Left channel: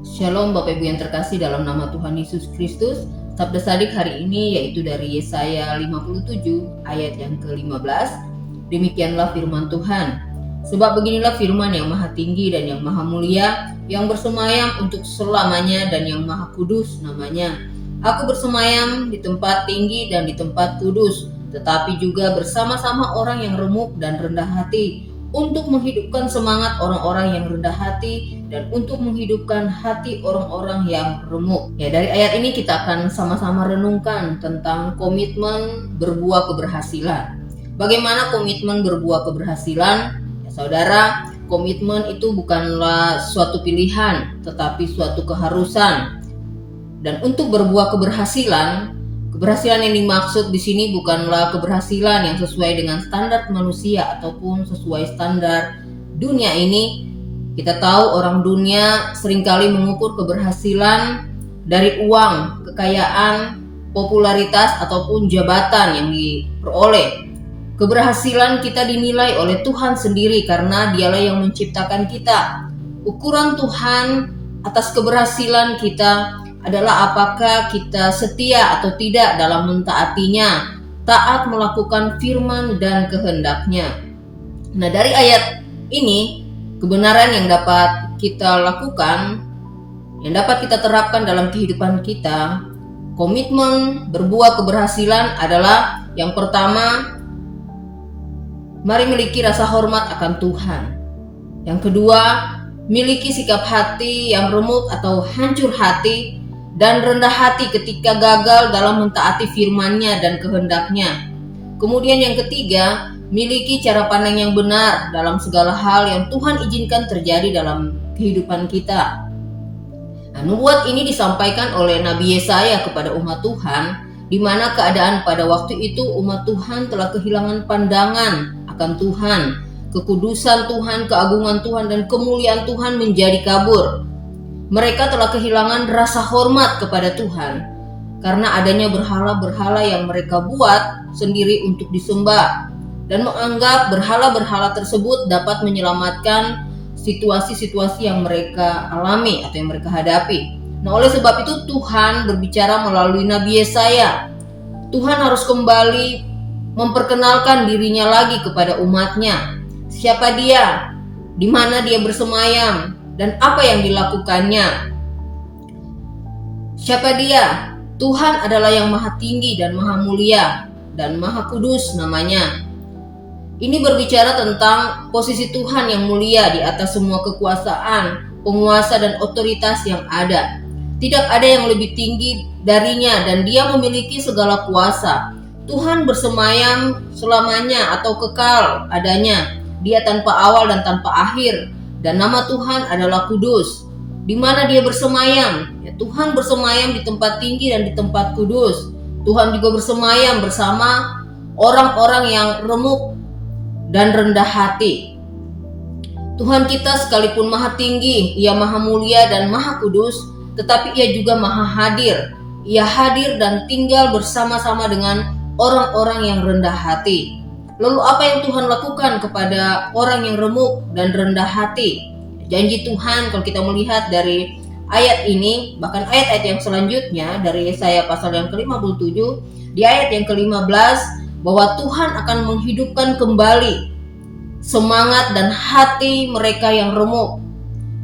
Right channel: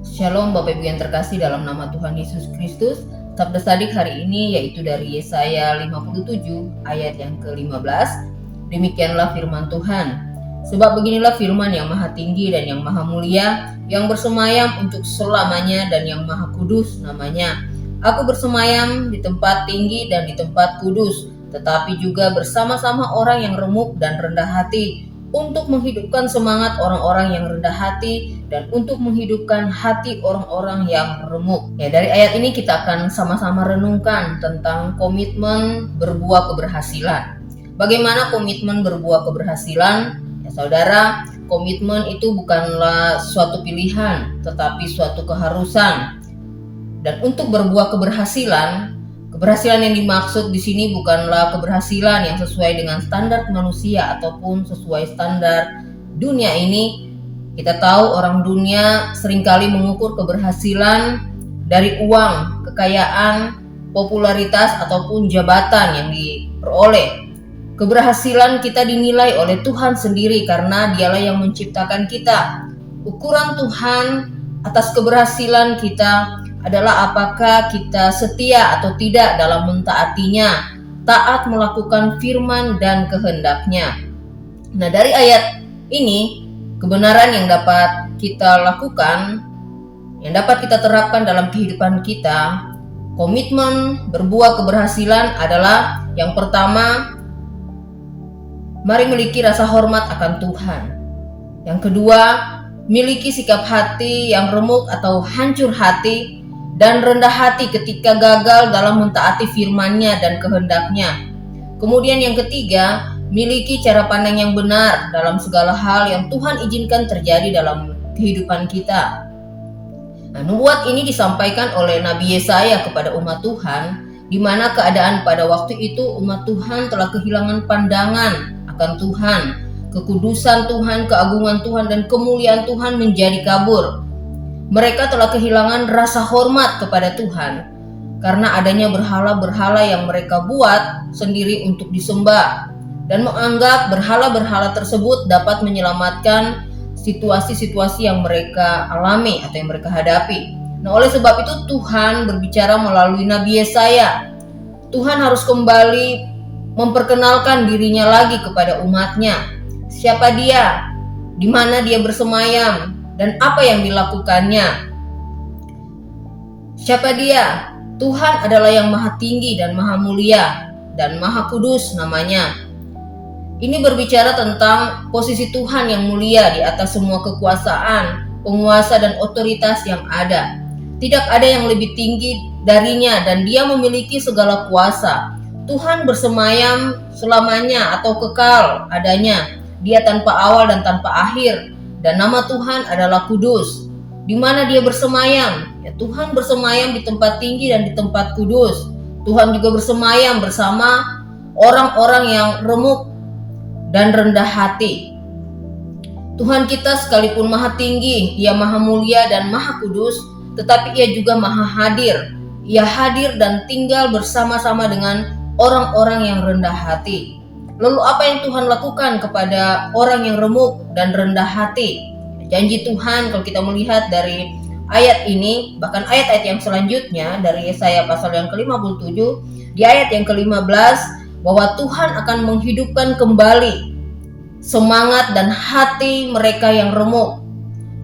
Shalom Bapak Ibu yang terkasih dalam nama Tuhan Yesus Kristus. Sabda Sadik hari ini yaitu dari Yesaya 57 ayat yang ke-15. Demikianlah firman Tuhan. Sebab beginilah firman yang maha tinggi dan yang maha mulia, yang bersemayam untuk selamanya dan yang maha kudus namanya. Aku bersemayam di tempat tinggi dan di tempat kudus, tetapi juga bersama-sama orang yang remuk dan rendah hati, untuk menghidupkan semangat orang-orang yang rendah hati dan untuk menghidupkan hati orang-orang yang remuk. Ya, dari ayat ini kita akan sama-sama renungkan tentang komitmen berbuah keberhasilan. Bagaimana komitmen berbuah keberhasilan? Ya, saudara, komitmen itu bukanlah suatu pilihan, tetapi suatu keharusan. Dan untuk berbuah keberhasilan yang dimaksud di sini bukanlah keberhasilan yang sesuai dengan standar manusia ataupun sesuai standar dunia ini. Kita tahu orang dunia seringkali mengukur keberhasilan dari uang, kekayaan, popularitas ataupun jabatan yang diperoleh. Keberhasilan kita dinilai oleh Tuhan sendiri karena Dialah yang menciptakan kita. Ukuran Tuhan atas keberhasilan kita adalah apakah kita setia atau tidak dalam mentaatinya, taat melakukan firman dan kehendaknya. Nah, dari ayat ini, kebenaran yang dapat kita lakukan, yang dapat kita terapkan dalam kehidupan kita, komitmen berbuah keberhasilan adalah yang pertama, mari miliki rasa hormat akan Tuhan. Yang kedua, miliki sikap hati yang remuk atau hancur hati dan rendah hati ketika gagal dalam mentaati firman-Nya dan kehendak-Nya. Kemudian yang ketiga, miliki cara pandang yang benar dalam segala hal yang Tuhan izinkan terjadi dalam kehidupan kita. Nah, nubuat ini disampaikan oleh Nabi Yesaya kepada umat Tuhan, di mana keadaan pada waktu itu umat Tuhan telah kehilangan pandangan akan Tuhan, kekudusan Tuhan, keagungan Tuhan, dan kemuliaan Tuhan menjadi kabur. Mereka telah kehilangan rasa hormat kepada Tuhan karena adanya berhala-berhala yang mereka buat sendiri untuk disembah dan menganggap berhala-berhala tersebut dapat menyelamatkan situasi-situasi yang mereka alami atau yang mereka hadapi. Nah, oleh sebab itu Tuhan berbicara melalui Nabi Yesaya. Tuhan harus kembali memperkenalkan dirinya lagi kepada umatnya. Siapa Dia? Di mana Dia bersemayam? Dan apa yang dilakukannya? Siapa Dia? Tuhan adalah yang maha tinggi dan maha mulia dan maha kudus namanya. Ini berbicara tentang posisi Tuhan yang mulia di atas semua kekuasaan, penguasa dan otoritas yang ada. Tidak ada yang lebih tinggi darinya dan Dia memiliki segala kuasa. Tuhan bersemayam selamanya atau kekal adanya. Dia tanpa awal dan tanpa akhir. Dan nama Tuhan adalah kudus. Di mana Dia bersemayam? Ya, Tuhan bersemayam di tempat tinggi dan di tempat kudus. Tuhan juga bersemayam bersama orang-orang yang remuk dan rendah hati. Tuhan kita sekalipun maha tinggi, Ia maha mulia dan maha kudus, tetapi Ia juga maha hadir. Ia hadir dan tinggal bersama-sama dengan orang-orang yang rendah hati. Lalu apa yang Tuhan lakukan kepada orang yang remuk dan rendah hati? Janji Tuhan kalau kita melihat dari ayat ini, bahkan ayat-ayat yang selanjutnya dari Yesaya pasal yang ke-57, di ayat yang ke-15, bahwa Tuhan akan menghidupkan kembali semangat dan hati mereka yang remuk.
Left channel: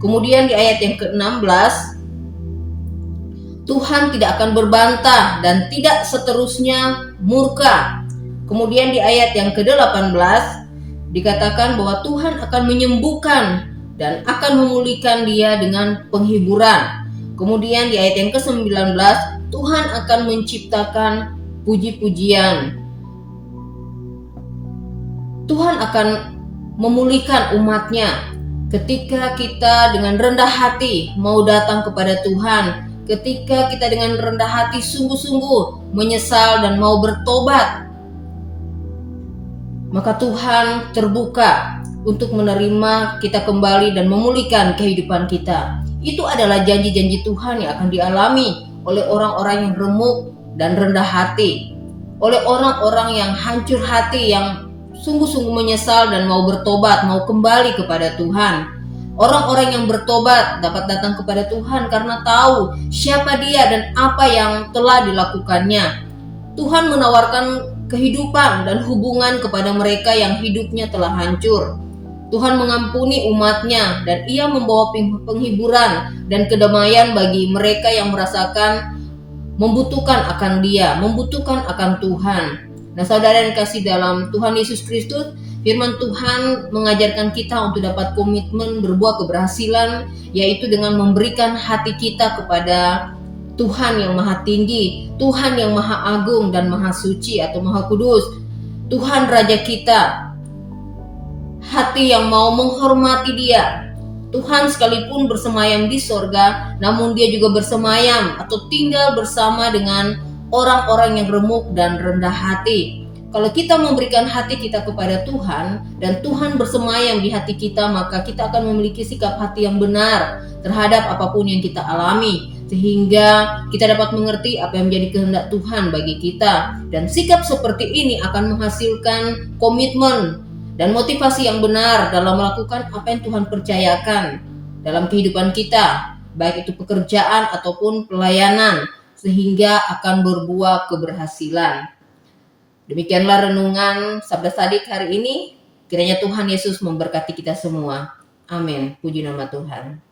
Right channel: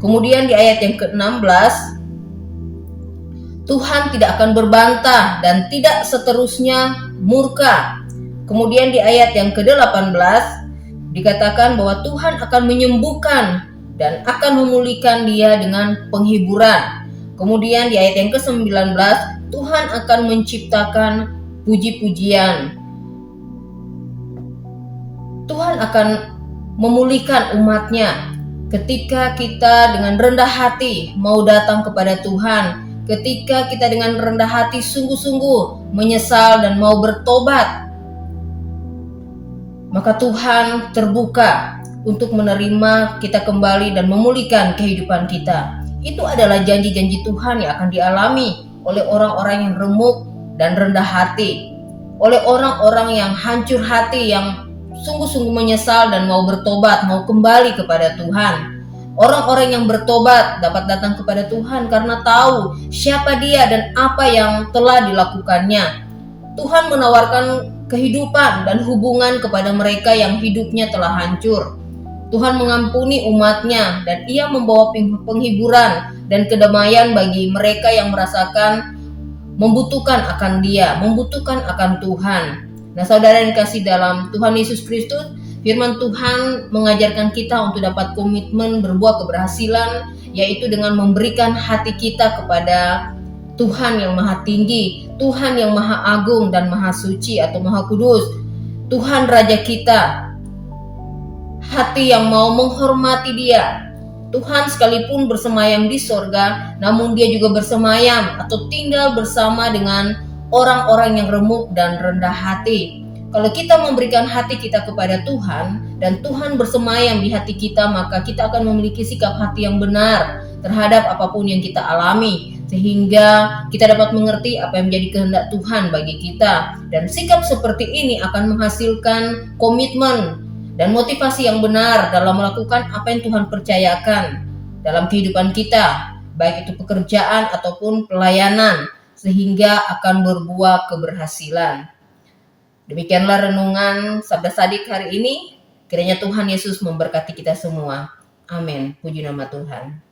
Kemudian di ayat yang ke-16, Tuhan tidak akan berbantah dan tidak seterusnya murka. Kemudian di ayat yang ke-18 dikatakan bahwa Tuhan akan menyembuhkan dan akan memulihkan dia dengan penghiburan. Kemudian di ayat yang ke-19 Tuhan akan menciptakan puji-pujian. Tuhan akan memulihkan umatnya ketika kita dengan rendah hati mau datang kepada Tuhan, ketika kita dengan rendah hati sungguh-sungguh menyesal dan mau bertobat, maka Tuhan terbuka untuk menerima kita kembali dan memulihkan kehidupan kita. Itu adalah janji-janji Tuhan yang akan dialami oleh orang-orang yang remuk dan rendah hati, oleh orang-orang yang hancur hati, yang sungguh-sungguh menyesal dan mau bertobat, mau kembali kepada Tuhan. Orang-orang yang bertobat dapat datang kepada Tuhan karena tahu siapa Dia dan apa yang telah dilakukannya. Tuhan menawarkan kehidupan dan hubungan kepada mereka yang hidupnya telah hancur. Tuhan mengampuni umatnya dan Ia membawa penghiburan dan kedamaian bagi mereka yang merasakan membutuhkan akan Dia, membutuhkan akan Tuhan. Nah, saudara yang kasih dalam Tuhan Yesus Kristus, firman Tuhan mengajarkan kita untuk dapat komitmen berbuah keberhasilan, yaitu dengan memberikan hati kita kepada Tuhan yang maha tinggi, Tuhan yang maha agung dan maha suci atau maha kudus, Tuhan Raja kita, hati yang mau menghormati Dia. Tuhan sekalipun bersemayam di sorga, namun Dia juga bersemayam atau tinggal bersama dengan orang-orang yang remuk dan rendah hati. Kalau kita memberikan hati kita kepada Tuhan dan Tuhan bersemayam di hati kita, maka kita akan memiliki sikap hati yang benar terhadap apapun yang kita alami, sehingga kita dapat mengerti apa yang menjadi kehendak Tuhan bagi kita. Dan sikap seperti ini akan menghasilkan komitmen dan motivasi yang benar dalam melakukan apa yang Tuhan percayakan dalam kehidupan kita, baik itu pekerjaan ataupun pelayanan, sehingga akan berbuah keberhasilan. Demikianlah renungan Sabda Sadik hari ini. Kiranya Tuhan Yesus memberkati kita semua. Amin. Puji nama Tuhan.